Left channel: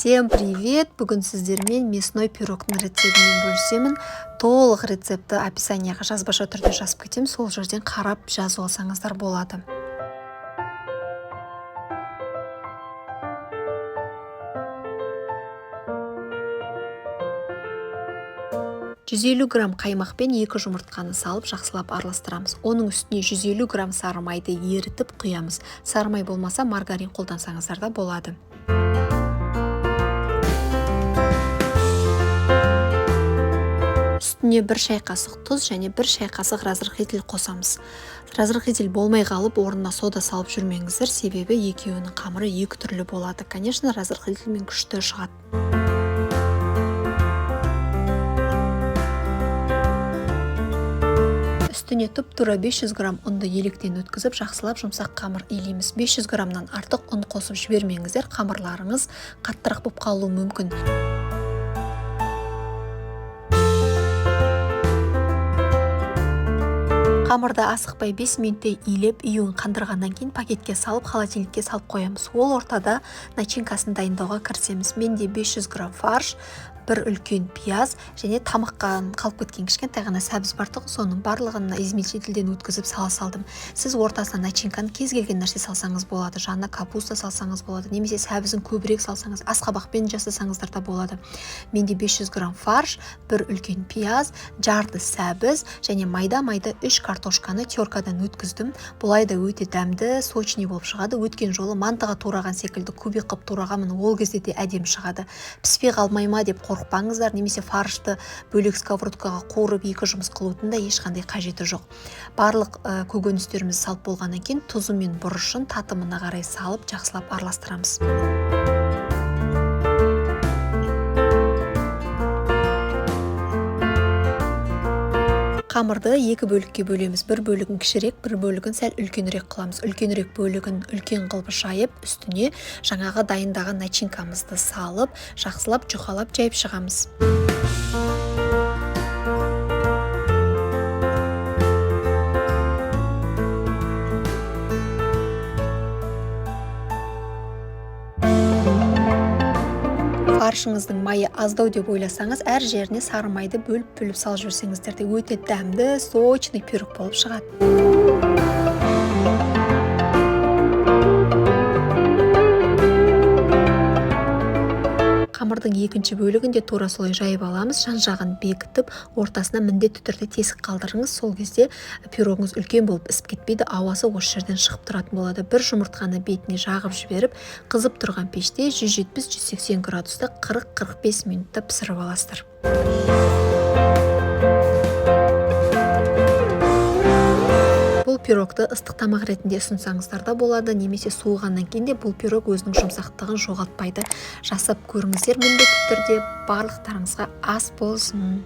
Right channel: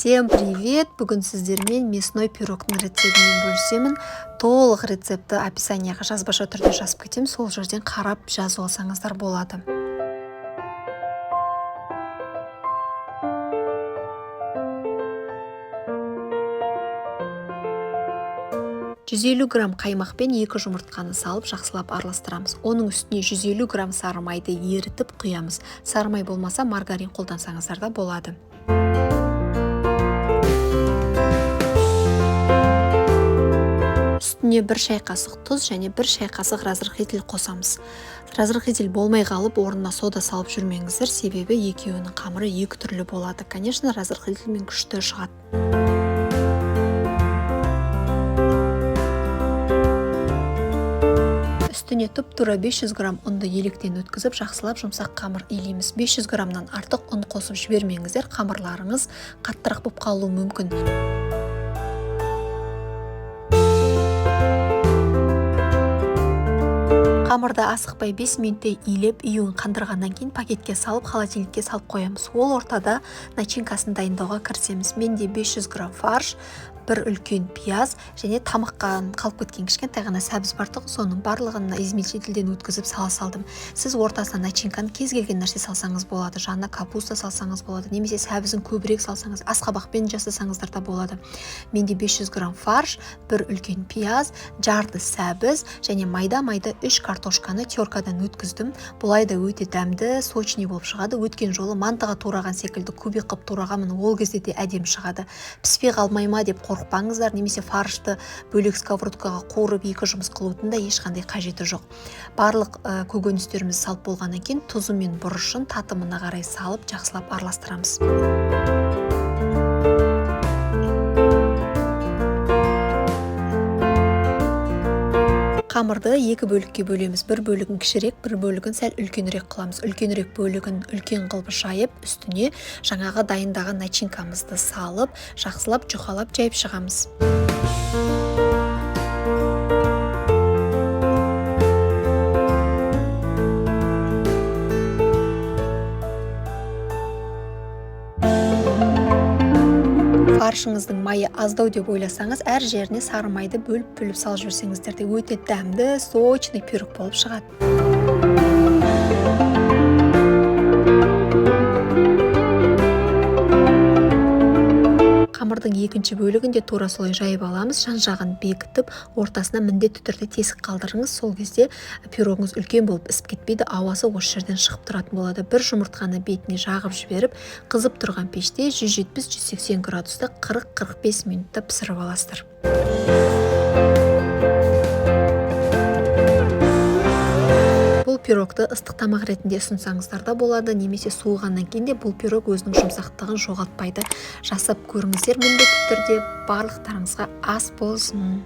Всем привет! Бүгін сіздермен мясной пирогтың рецептімен бөлісемін. Толық рецепті описанияға жазбаша түрде жазып кетем, сол жерден қарап жазып алсаңыздар болады. 150 грамм қаймақ пен 2 жұмыртқаны салып жақсылап араластырамыз. Оның үстіне 150 грамм сары майды ерітіп құямыз. Сары май болмаса маргарин қолдансаңыздар да болады. Үстіне 1 шай қасық тұз және 1 шай қасық разрыхитель қосамыз. Разрыхитель болмай қалып, орнына сода салып жүрмеңіздер, себебі екеуінің қамыры екі түрлі болады. Конечно, разрыхительмен күшті шығады. Үстіне тұп-тура 500 грамм ұнды електен өткізіп, жақсылап жұмсақ қамыр илейміз. 500 граммнан артық ұн қосып жібермеңіздер, қамырларыңыз қаттырақ болып қалуы мүмкін. Қамырды асықпай 5 минуттай илеп, июін қандырғаннан кейін пакетке салып, холодильникке салып қоямыз. Ол ортада начинкасын дайындауға кірісеміз. Менде 500 грамм фарш, бір үлкен пияз және тамаққа қалып кеткен кішкентай ғана сәбіз бартық, соның барлығын измельчителден өткізіп сала салдым. Сіз ортасына начинканы кез келген нәрсе салсаңыз болады. Жанына капуста салсаңыз болады, немесе сәбізін көбірек салсаңыз, асқабақпен жасасаңыздар да болады. Менде 500 грамм фарш, бір үлкен пияз, жарты сәбіз және майда-майда 3 картошканы теркадан өткіздім. Бұлай да өте дәмді, сочный болып шығады. Өткен жолы мантыға тураған секілді кубик қып турағанмын, ол кезде де әдем шығады. Піспей қалмай ма деп қорықпаңыздар, немесе фаршты бөлек сковородкаға қуырып екі жұмыс қылудың да ешқандай қажеті жоқ. Барлық көкөністерімізді салып болғаннан кейін тұзы мен бұрышын татымына қарай салып жақсылап араластырамыз. Қамырды екі бөлікке бөлеміз. Бір бөлігін кішірек, бір бөлігін сәл үлкенірек қыламыз. Үлкенірек бөлігін үлкен қылып жайып, үстіне жаңағы дайындаған начинкамызды салып, жақсылап жұқалап жайып шығамыз. Фаршыңыздың майы аздау деп ойласаңыз, әр жеріне сары майды бөліп салып жүрсеңіздер де өте дәмді, сочный пирог болып шығады. Қамырдың екінші бөлігінде тура солай жайып аламыз. Жан-жағын бекітіп, ортасына міндетті түрде тесік қалдырыңыз. Сол кезде пирогыңыз үлкен болып ісіп кетпейді, ауасы осы жерден шығып тұратын болады. Бір жұмыртқаны бетіне жағып жіберіп, қызып тұрған пеште 170-180 градуста 40-45 минутта пісіріп аласыздар. Бұл пирогты ыстық тамақ ретінде ұсынсаңыздар да болады, немесе суығаннан кейін де бұл пирог өзінің жұмсақтығын жоғалтпайды. Жасап көріңіздер, міндетті түрде барлықтарыңызға ас болсын.